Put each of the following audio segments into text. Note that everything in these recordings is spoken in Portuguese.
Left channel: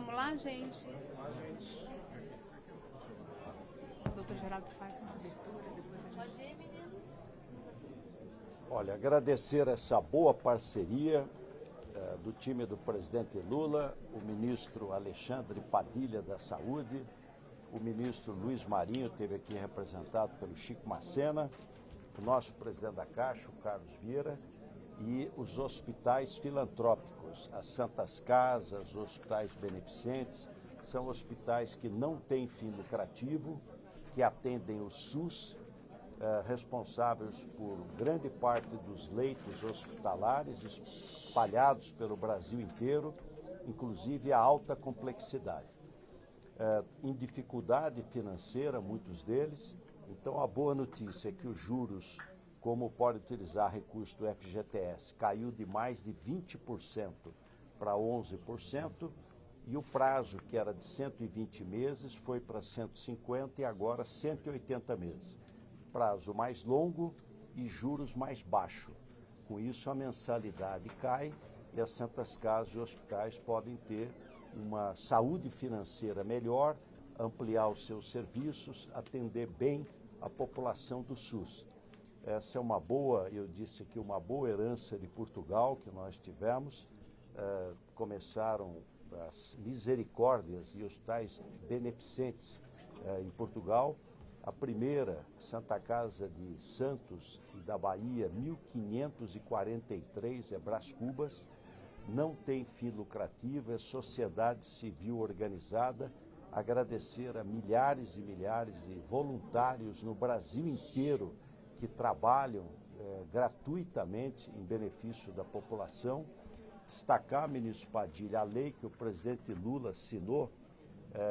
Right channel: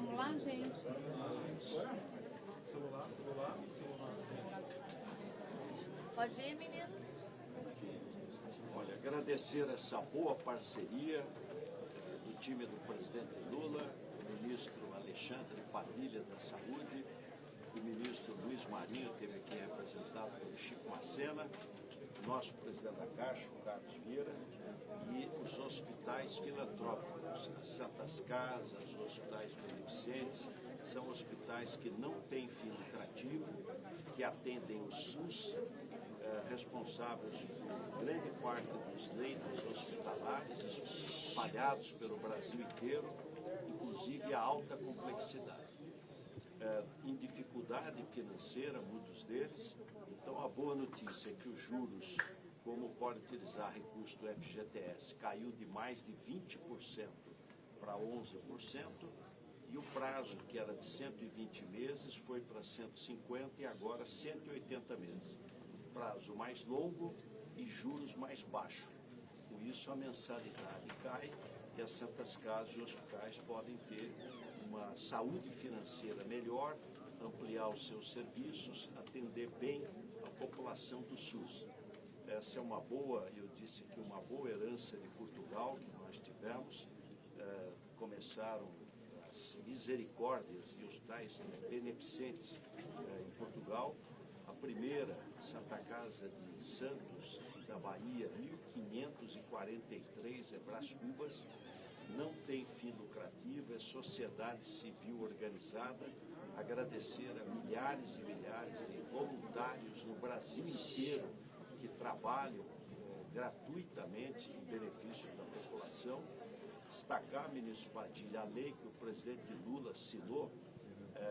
Vamos lá, gente. Doutor Geraldo faz. Pode ir, meninos. Olha, agradecer essa boa parceria do time do presidente Lula, o ministro Alexandre Padilha da Saúde, o ministro Luiz Marinho, esteve aqui representado pelo Chico Macena, o nosso presidente da Caixa, o Carlos Vieira, e os hospitais filantrópicos, as Santas Casas, os hospitais beneficentes, são hospitais que não têm fim lucrativo, que atendem o SUS, responsáveis por grande parte dos leitos hospitalares espalhados pelo Brasil inteiro, inclusive a alta complexidade. Em dificuldade financeira, muitos deles, então a boa notícia é que os juros, como pode utilizar recurso do FGTS, caiu de mais de 20% para 11%, e o prazo, que era de 120 meses, foi para 150 e agora 180 meses. Prazo mais longo e juros mais baixos. Com isso, a mensalidade cai e as Santas Casas e hospitais podem ter uma saúde financeira melhor, ampliar os seus serviços, atender bem a população do SUS. Essa é uma boa, eu disse aqui, uma boa herança de Portugal que nós tivemos. Começaram as misericórdias e hospitais beneficentes em Portugal. A primeira, Santa Casa de Santos, da Bahia, 1543, é Brás Cubas, não tem fim lucrativo, é sociedade civil organizada. Agradecer a milhares e milhares de voluntários no Brasil inteiro que trabalham gratuitamente em benefício da população. Destacar, ministro Padilha, a lei que o presidente Lula assinou,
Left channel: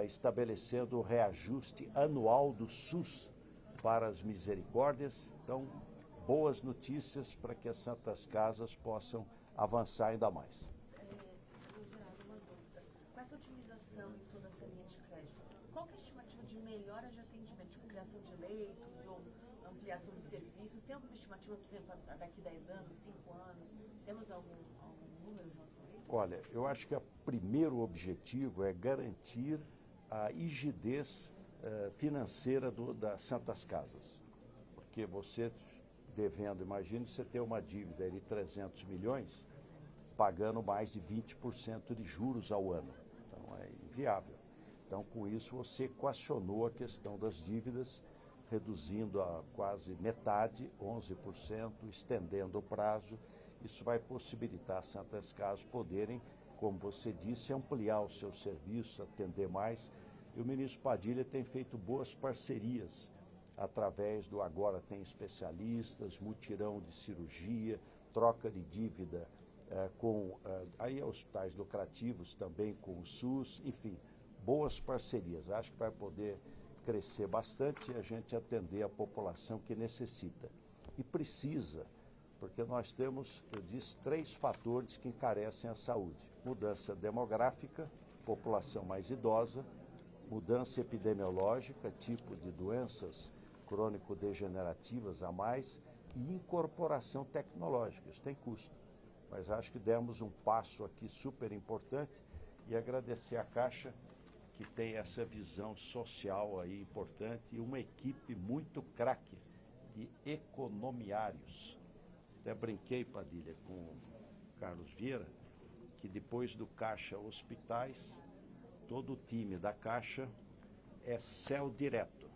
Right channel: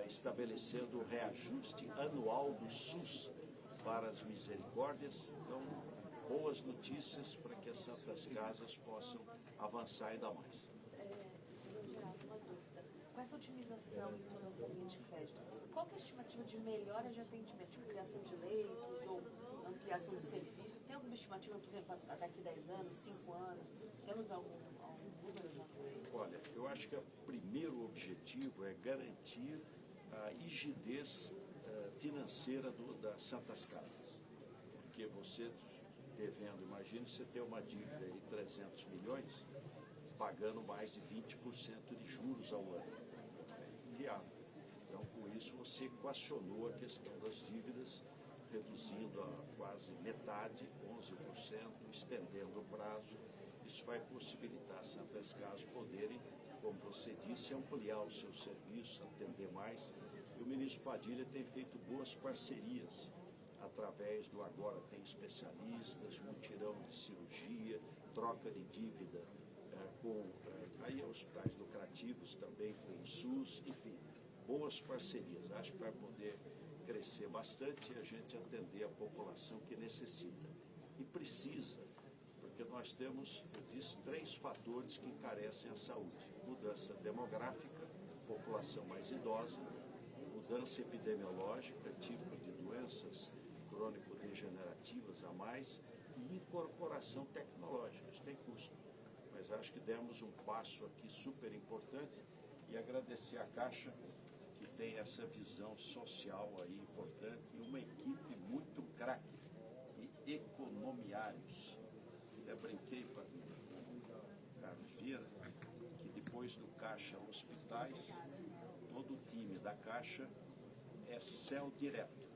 estabelecendo o reajuste anual do SUS para as misericórdias. Então, boas notícias para que as Santas Casas possam avançar ainda mais. Geraldo, uma dúvida. Com essa otimização e toda essa linha de crédito, qual que é a estimativa de melhora de atendimento? Tipo, criação de leitos ou ampliação de serviços? Tem alguma estimativa, por exemplo, daqui 10 anos, 5 anos? Temos algum número de relação a isso? Olha, eu acho que o primeiro objetivo é garantir a rigidez financeira das Santas Casas. Porque você devendo, imagine você ter uma dívida de 300 milhões, pagando mais de 20% de juros ao ano. Então é inviável. Então, com isso, você equacionou a questão das dívidas, reduzindo a quase metade, 11%, estendendo o prazo. Isso vai possibilitar as Santas Casas poderem, como você disse, ampliar os seus serviços, atender mais. E o ministro Padilha tem feito boas parcerias através do Agora Tem Especialistas, mutirão de cirurgia, troca de dívida com aí hospitais lucrativos também com o SUS, enfim, boas parcerias. Acho que vai poder crescer bastante e a gente atender a população que necessita. E precisa, porque nós temos, eu disse, 3 fatores que encarecem a saúde. Mudança demográfica, população mais idosa, mudança epidemiológica, tipo de doenças crônico-degenerativas a mais, e incorporação tecnológica. Isso tem custo. Mas acho que demos um passo aqui super importante e agradecer a Caixa, que tem essa visão social aí importante e uma equipe muito craque e economiários. Até brinquei, Padilha, com o Carlos Vieira, que depois do Caixa Hospitais, todo o time da Caixa é céu direto.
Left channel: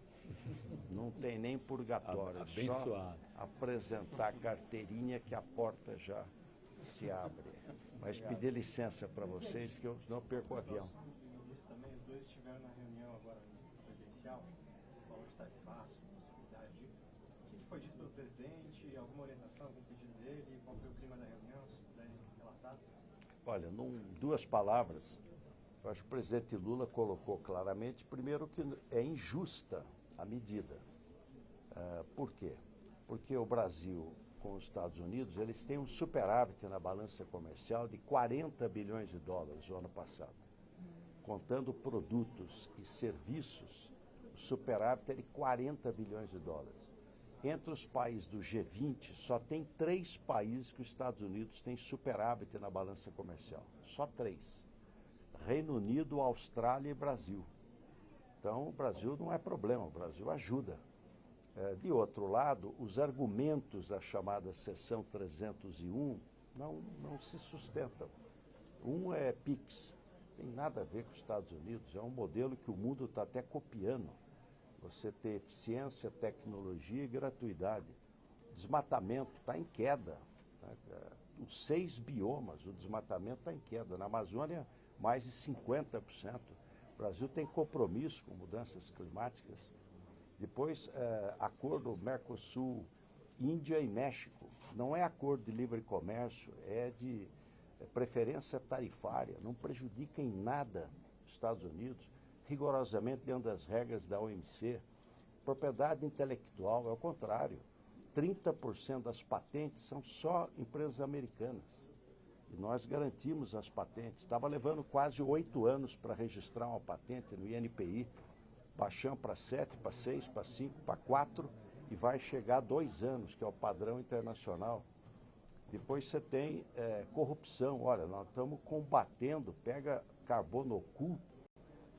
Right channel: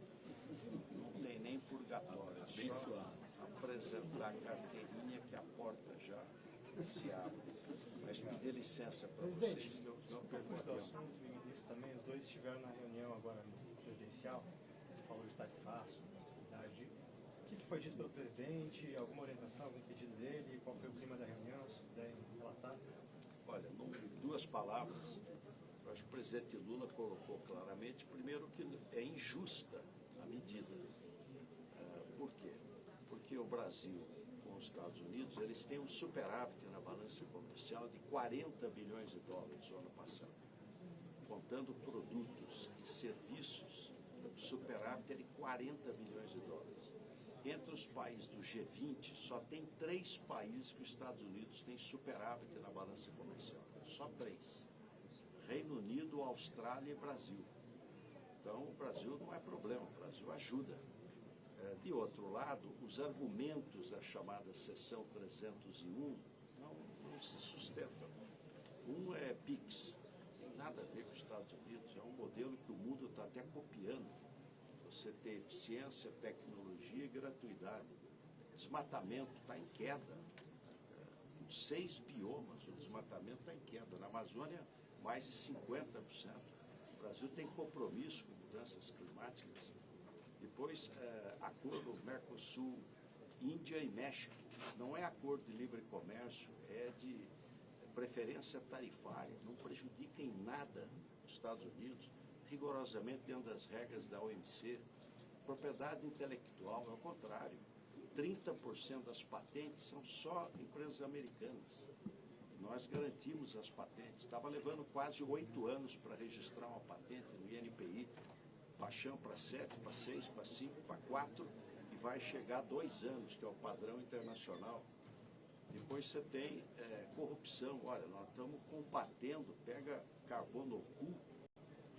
Não tem nem purgatório, é só apresentar a carteirinha que a porta já se abre. Mas pedir licença para vocês que eu não perco o avião. Isso também, os dois estiveram na reunião agora presidencial, você falou de tarifaço, possibilidade. O que foi dito pelo presidente? Alguma orientação, algum pedido dele? Qual foi o clima da reunião, se puder relatar? Olha, em 2 palavras, eu acho que o presidente Lula colocou claramente, primeiro, que é injusta a medida. Por quê? Porque o Brasil com os Estados Unidos, eles têm um superávit na balança comercial de 40 bilhões de dólares no ano passado. Contando produtos e serviços, o superávit é de 40 bilhões de dólares. Entre os países do G20, só tem 3 países que os Estados Unidos têm superávit na balança comercial. Só 3. Reino Unido, Austrália e Brasil. Então, o Brasil não é problema, o Brasil ajuda. De outro lado, os argumentos da chamada seção 301 não se sustentam. Um é PIX, tem nada a ver com os Estados Unidos, é um modelo que o mundo está até copiando. Você ter eficiência, tecnologia e gratuidade. Desmatamento está em queda. Os 6 biomas, o desmatamento está em queda. Na Amazônia, mais de 50%. O Brasil tem compromisso com mudanças climáticas. Depois, acordo Mercosul, Índia e México. Não é acordo de livre comércio, é de preferência tarifária. Não prejudica em nada os Estados Unidos, rigorosamente dentro das regras da OMC. Propriedade intelectual, é o contrário. 30% das patentes são só empresas americanas. E nós garantimos as patentes. Estava levando quase 8 anos para registrar uma patente no INPI. Baixamos para 7, para 6, para 5, para 4 e vai chegar a 2 anos, que é o padrão internacional. Depois você tem corrupção. Olha, nós estamos combatendo, pega Carbonocu,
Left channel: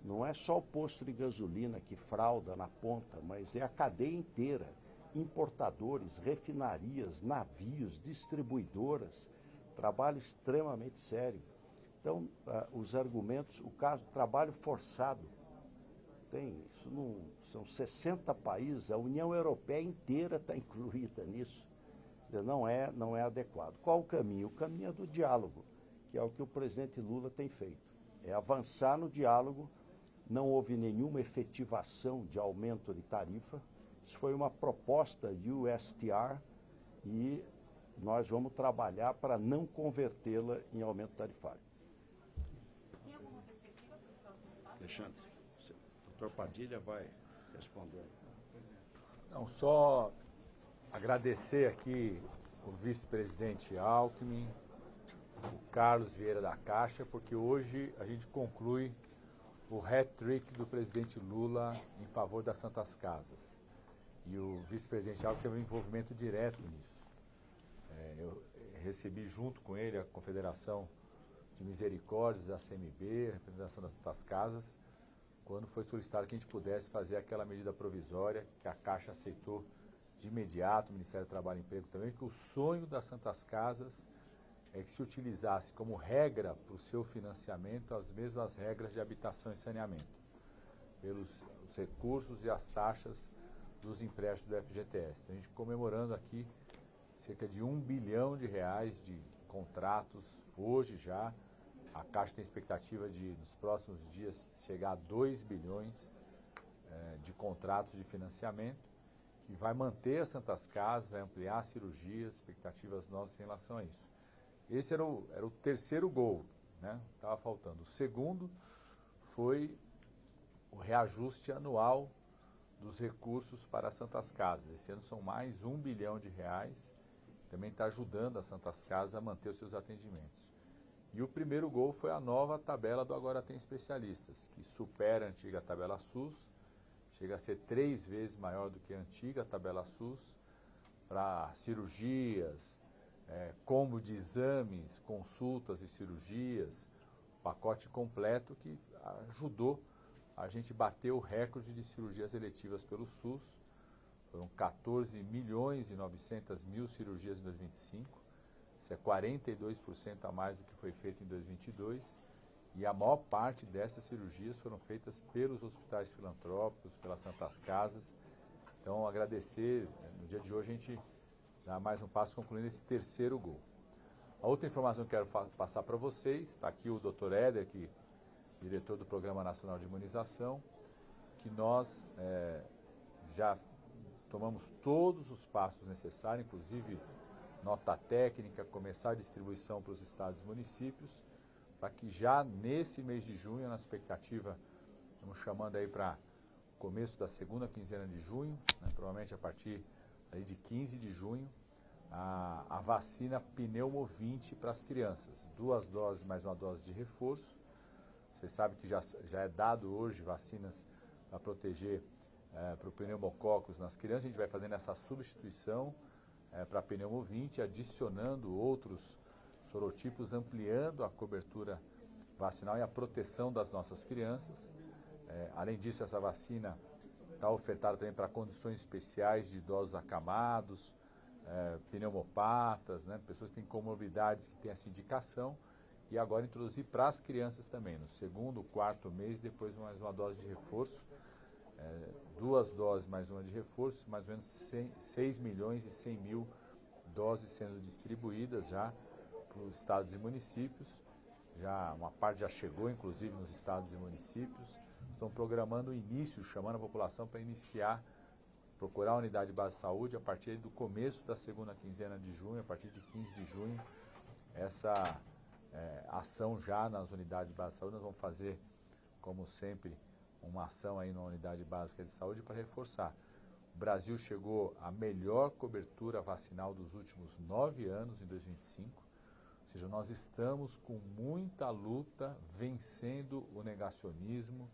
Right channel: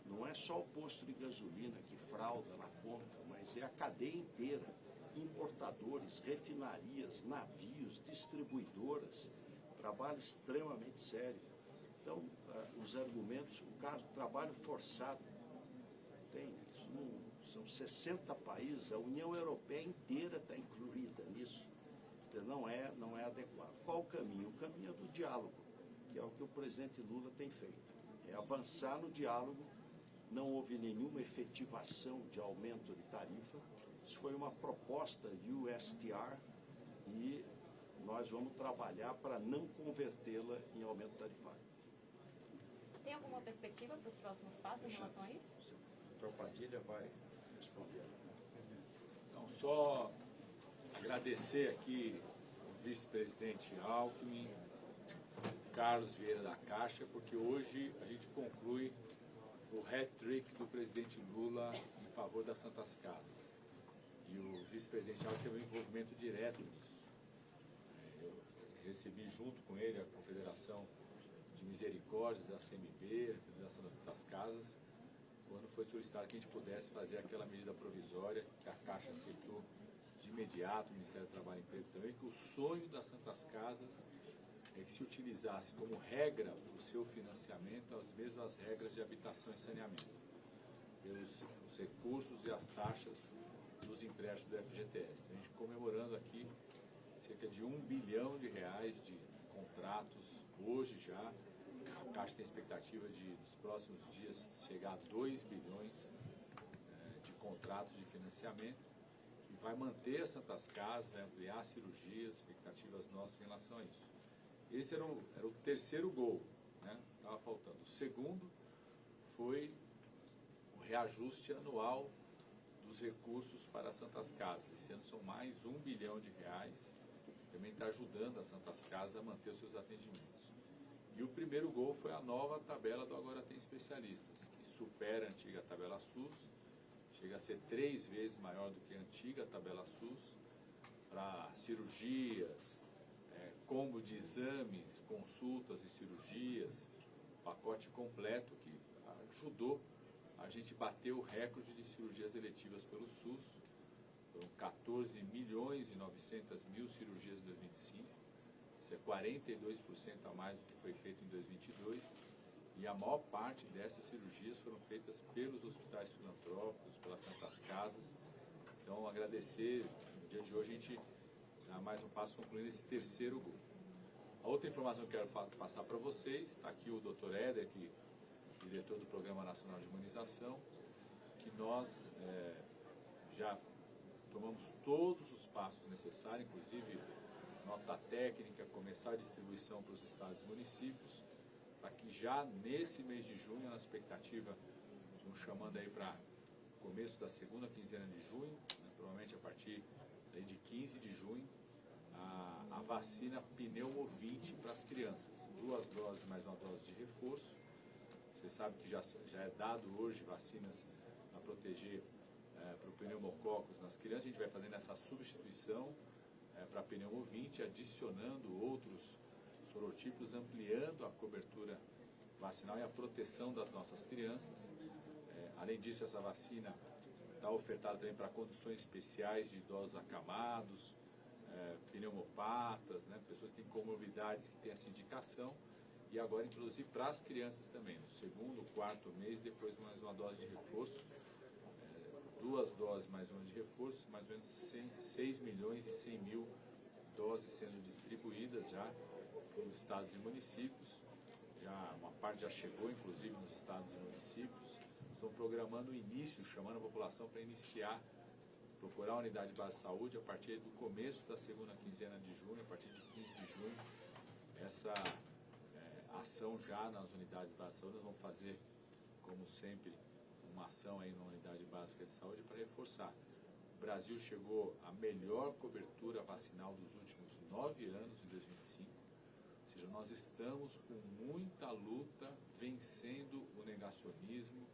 não é só o posto de gasolina que frauda na ponta, mas é a cadeia inteira. Importadores, refinarias, navios, distribuidoras, trabalho extremamente sério. Então, os argumentos, o caso, trabalho forçado, isso não, são 60 países, a União Europeia inteira está incluída nisso. Então, não é adequado. Qual o caminho? O caminho é do diálogo, que é o que o presidente Lula tem feito. É avançar no diálogo, não houve nenhuma efetivação de aumento de tarifa. Isso foi uma proposta USTR e nós vamos trabalhar para não convertê-la em aumento tarifário. Tem alguma perspectiva para os próximos passos em relação a isso? O doutor Padilha vai responder. Não, só agradecer aqui o vice-presidente Alckmin, o Carlos Vieira da Caixa, porque hoje a gente conclui o hat-trick do presidente Lula em favor das Santas Casas. E o vice-presidente Alckmin teve um envolvimento direto nisso. Eu recebi junto com ele a Confederação de Misericórdias, a CMB, a Federação das Santas Casas, quando foi solicitado que a gente pudesse fazer aquela medida provisória que a Caixa aceitou de imediato, o Ministério do Trabalho e Emprego também, que o sonho das Santas Casas é que se utilizasse como regra para o seu financiamento as mesmas regras de habitação e saneamento, pelos os recursos e as taxas dos empréstimos do FGTS. Então, a gente comemorando aqui cerca de R$1 bilhão de contratos hoje já. A Caixa tem expectativa de, nos próximos dias, chegar a 2 bilhões de contratos de financiamento, que vai manter as Santas Casas, vai ampliar cirurgias, expectativas nossas em relação a isso. Esse era o terceiro gol, né? Estava faltando. O segundo foi o reajuste anual dos recursos para as Santas Casas. Esse ano são mais R$1 bilhão, também está ajudando as Santas Casas a manter os seus atendimentos. E o primeiro gol foi a nova tabela do Agora Tem Especialistas, que supera a antiga tabela SUS, chega a ser 3 vezes maior do que a antiga tabela SUS, para cirurgias, combo de exames, consultas e cirurgias, pacote completo que ajudou a gente bater o recorde de cirurgias eletivas pelo SUS. Foram 14 milhões e 900 mil cirurgias em 2025, isso é 42% a mais do que foi feito em 2022, e a maior parte dessas cirurgias foram feitas pelos hospitais filantrópicos, pelas Santas Casas. Então, agradecer, no dia de hoje a gente dá mais um passo concluindo esse terceiro gol. A outra informação que eu quero passar para vocês, está aqui o Dr. Éder, diretor do Programa Nacional de Imunização, que nós já tomamos todos os passos necessários, inclusive nota técnica, começar a distribuição para os estados e municípios, para que já nesse mês de junho, na expectativa, estamos chamando aí para começo da segunda quinzena de junho, né, provavelmente a partir aí de 15 de junho, a vacina Pneumovinte para as crianças. 2 doses mais uma dose de reforço. Você sabe que já é dado hoje vacinas para proteger para o pneumococcus nas crianças. A gente vai fazendo essa substituição para Pneumovinte, adicionando outros sorotipos, ampliando a cobertura vacinal e a proteção das nossas crianças. Além disso, essa vacina está ofertada também para condições especiais de idosos acamados, pneumopatas, né, pessoas que têm comorbidades que têm essa indicação, e agora introduzir para as crianças também, no segundo, quarto mês, depois mais uma dose de reforço, 2 doses mais uma de reforço, mais ou menos 6 milhões e 100 mil doses sendo distribuídas já para os estados e municípios. Já uma parte já chegou, inclusive, nos estados e municípios. Estão programando o início, chamando a população para iniciar, procurar a unidade de base de saúde a partir do começo da segunda quinzena de junho, a partir de 15 de junho, essa ação já nas unidades de base de saúde. Nós vamos fazer, como sempre, uma ação aí na unidade básica de saúde para reforçar. O Brasil chegou à melhor cobertura vacinal dos últimos 9 anos, em 2025. Ou seja, nós estamos com muita luta, vencendo o negacionismo,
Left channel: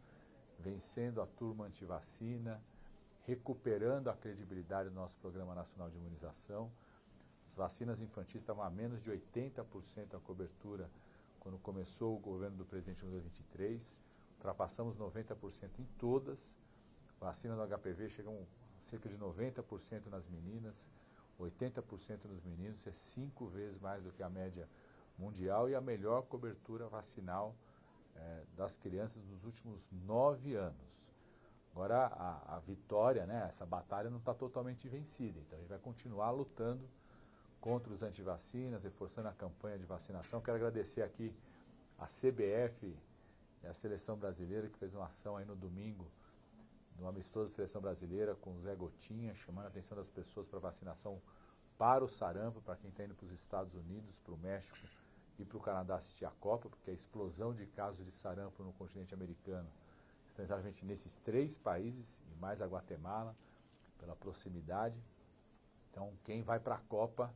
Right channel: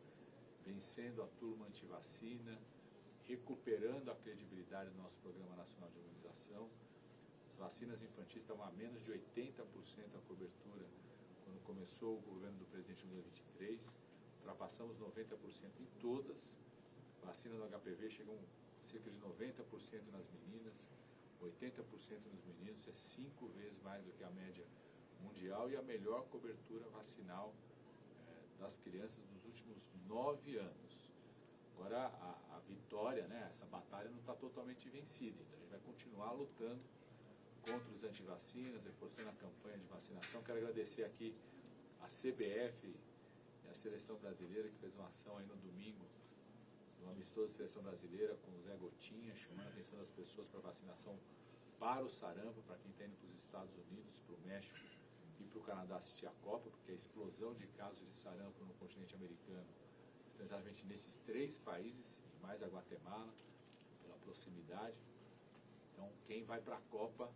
vencendo a turma antivacina, recuperando a credibilidade do nosso Programa Nacional de Imunização. As vacinas infantis estavam a menos de 80% a cobertura quando começou o governo do presidente em 2023. Ultrapassamos 90% em todas. Vacinas do HPV chegam a cerca de 90% nas meninas, 80% nos meninos. Isso é 5 vezes mais do que a média mundial e a melhor cobertura vacinal das crianças nos últimos 9 anos. Agora a vitória, né, essa batalha não está totalmente vencida, então a gente vai continuar lutando contra os antivacinas, reforçando a campanha de vacinação. Quero agradecer aqui a CBF, a Seleção Brasileira, que fez uma ação aí no domingo, no amistoso Seleção Brasileira, com o Zé Gotinha, chamando a atenção das pessoas para vacinação para o sarampo, para quem está indo para os Estados Unidos, para o México e para o Canadá assistir a Copa, porque a explosão de casos de sarampo no continente americano está exatamente nesses 3 países, e mais a Guatemala, pela proximidade. Então, quem vai para a Copa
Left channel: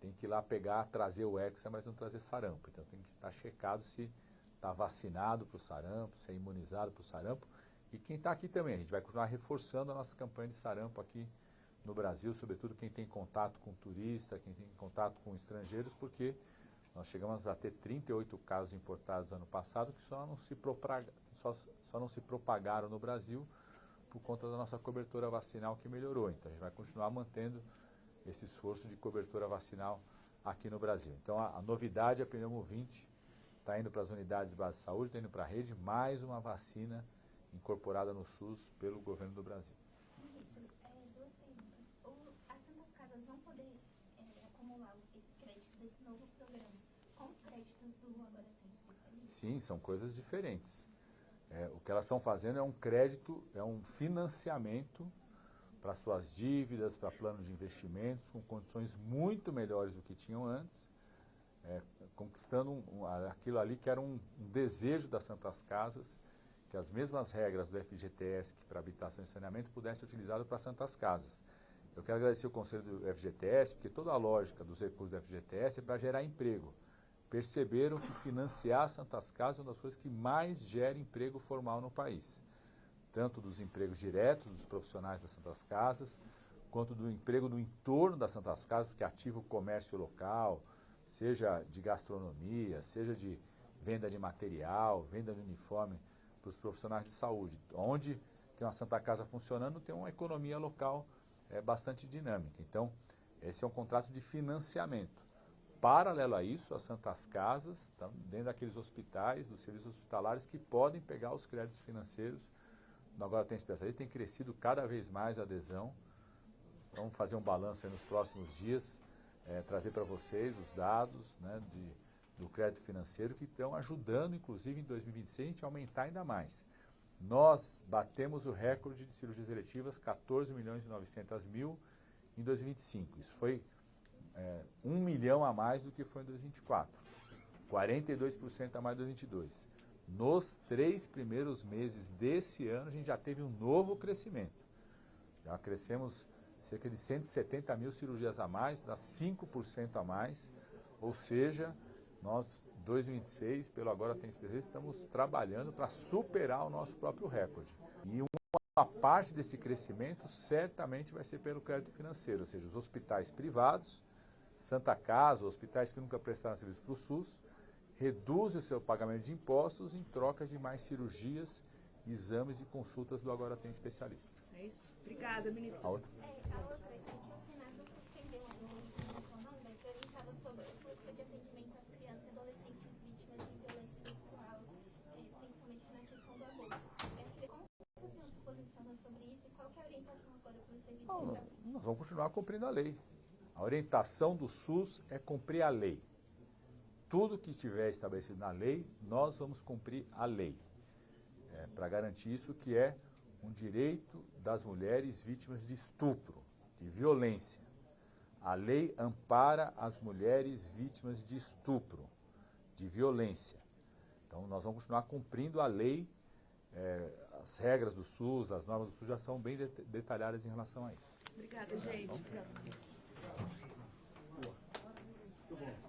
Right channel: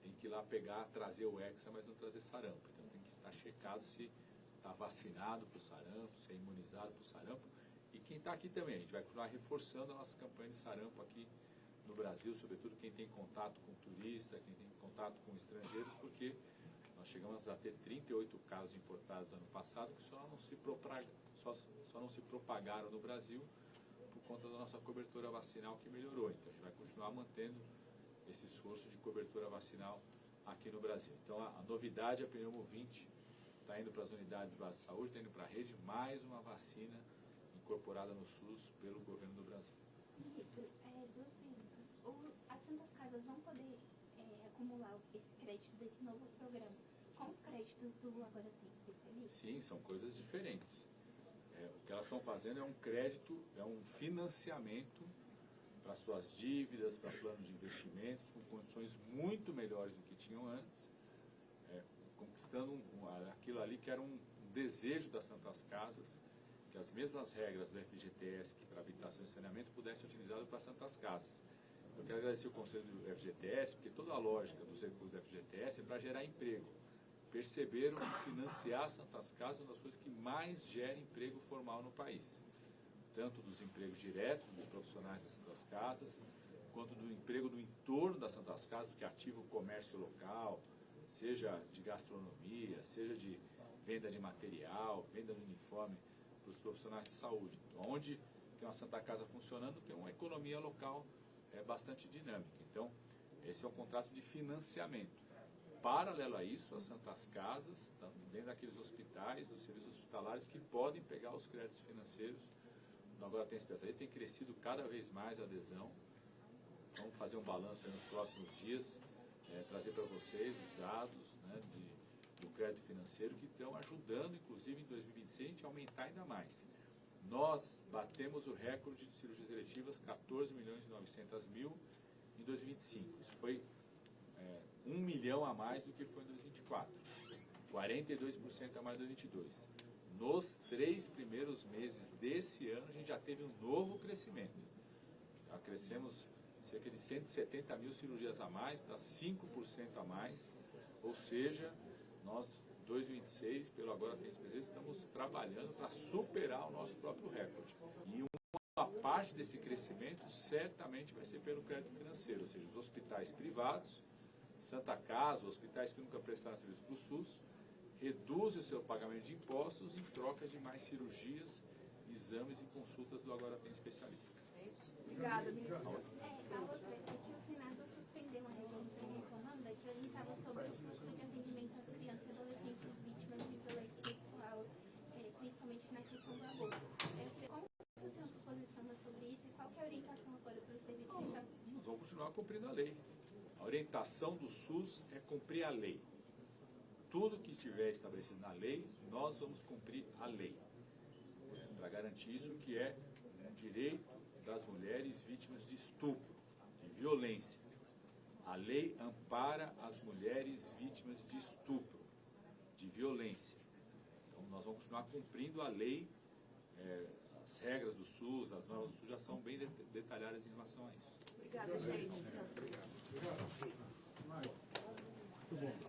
tem que ir lá pegar, trazer o Hexa, mas não trazer sarampo. Então, tem que estar checado se está vacinado para o sarampo, se é imunizado para o sarampo. E quem está aqui também, a gente vai continuar reforçando a nossa campanha de sarampo aqui no Brasil, sobretudo quem tem contato com turista, quem tem contato com estrangeiros, porque nós chegamos a ter 38 casos importados ano passado que só não se propagaram no Brasil por conta da nossa cobertura vacinal que melhorou. Então a gente vai continuar mantendo esse esforço de cobertura vacinal aqui no Brasil. Então a novidade é a Pneumo 20, está indo para as unidades de base de saúde, está indo para a rede, mais uma vacina incorporada no SUS pelo governo do Brasil. Ministro, 2 perguntas. As Santas Casas vão poder acumular esse crédito desse novo programa com os créditos do Agora Tem Especialista? Sim, são coisas diferentes. O que elas estão fazendo é um crédito, é um financiamento para suas dívidas, para planos de investimentos, com condições muito melhores do que tinham antes, conquistando aquilo ali que era um desejo das Santas Casas, que as mesmas regras do FGTS que para habitação e saneamento pudessem ser utilizadas para Santas Casas. Eu quero agradecer o Conselho do FGTS, porque toda a lógica dos recursos do FGTS é para gerar emprego. Perceberam que financiar Santas Casas é uma das coisas que mais gera emprego formal no país. Tanto dos empregos diretos dos profissionais das Santas Casas, quanto do emprego no entorno das Santas Casas, porque ativa o comércio local, seja de gastronomia, seja de venda de material, venda de uniforme para os profissionais de saúde. Onde tem uma Santa Casa funcionando, tem uma economia local bastante dinâmica. Então, esse é um contrato de financiamento. Paralelo a isso, as Santas Casas estão dentro daqueles hospitais, dos serviços hospitalares, que podem pegar os créditos financeiros. Agora tem especialista, tem crescido cada vez mais a adesão. Vamos fazer um balanço aí nos próximos dias, trazer para vocês os dados, né, do crédito financeiro, que estão ajudando, inclusive, em 2026, a gente aumentar ainda mais. Nós batemos o recorde de cirurgias eletivas, 14.900.000 em 2025. Isso foi 1 milhão a mais do que foi em 2024. 42% a mais em 2022. Nos 3 primeiros meses desse ano, a gente já teve um novo crescimento. Já crescemos cerca de 170.000 cirurgias a mais, dá 5% a mais, ou seja, nós, 2026, pelo Agora Tem Especialista, estamos trabalhando para superar o nosso próprio recorde. E uma parte desse crescimento certamente vai ser pelo crédito financeiro, ou seja, os hospitais privados, Santa Casa, hospitais que nunca prestaram serviço para o SUS, reduzem o seu pagamento de impostos em troca de mais cirurgias, exames e consultas do Agora Tem Especialistas. É isso? Obrigada, ministra. A outra? A outra é que o Senado suspendeu uma resolução retomando que orientava sobre o fluxo de atendimento às crianças e adolescentes vítimas de violência sexual, principalmente na questão do aborto. Eu queria como que o senhor se posiciona sobre isso e qual que é a orientação agora para os serviços de saúde? Nós vamos continuar cumprindo a lei. A orientação do SUS é cumprir a lei. Tudo que estiver estabelecido na lei, nós vamos cumprir a lei. Para garantir isso, que é um direito das mulheres vítimas de estupro, de violência. A lei ampara as mulheres vítimas de estupro, de violência. Então, nós vamos continuar cumprindo a lei. As regras do SUS, as normas do SUS já são bem detalhadas em relação a isso. Obrigada, gente. Muito bom.